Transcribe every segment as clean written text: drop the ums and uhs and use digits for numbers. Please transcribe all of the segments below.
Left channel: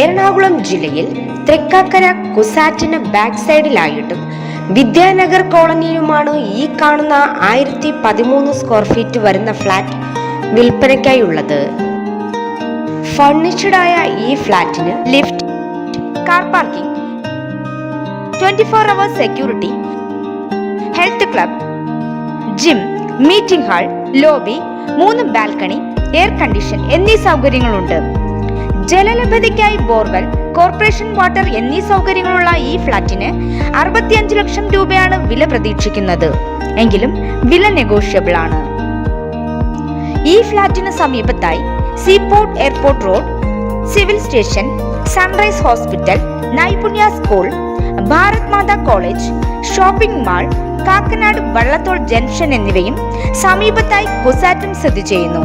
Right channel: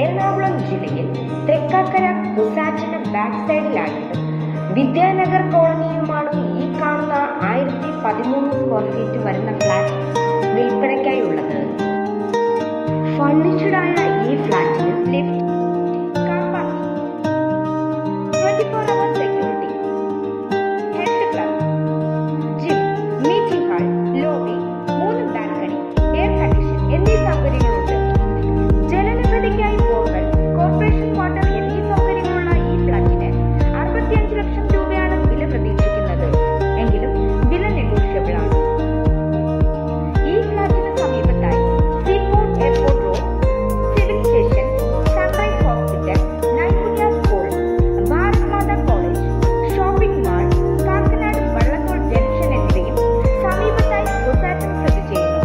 എറണാകുളം ജില്ലയിൽ തൃക്കാക്കര കുസാറ്റിന് ബാക്ക് സൈഡിലായിട്ടും വിദ്യാനഗർ കോളനിയിലുമാണ് ഈ കാണുന്ന 1013 സ്ക്വയർ ഫീറ്റ് വരുന്ന ഫ്ലാറ്റ് വിൽപ്പനയ്ക്കായുള്ളത്. ഫർണിച്ചർഡായ ഈ ഫ്ലാറ്റിന് lift, car parking, 24 hours security, health club, gym, meeting hall, lobby, 3 balcony, air condition എന്നീ സൗകര്യങ്ങളുണ്ട്. ജലലഭ്യതയ്ക്കായി ബോർവെൽ, കോർപ്പറേഷൻ വാട്ടർ എന്നീ സൗകര്യങ്ങളുള്ള ഈ ഫ്ലാറ്റിന് 65 ലക്ഷം രൂപയാണ് വില പ്രതീക്ഷിക്കുന്നത്. എങ്കിലും വില നെഗോഷ്യബിൾ ആണ്. ഈ ഫ്ലാറ്റിന് സമീപത്തായി seaport airport road, civil station, sunrise hospital, Naipunya school, Bharat Mata college, shopping mall, Kakkanad Vallathol junction എന്നിവയും സമീപത്തായി കുസാറ്റും സ്ഥിതി ചെയ്യുന്നു.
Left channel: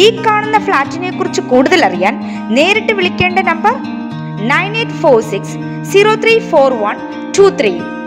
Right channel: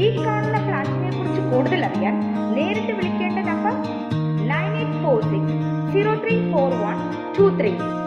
ഈ കാണുന്ന ഫ്ലാറ്റിനെ കുറിച്ച് കൂടുതൽ അറിയാൻ നേരിട്ട് വിളിക്കേണ്ട നമ്പർ 9846 034123.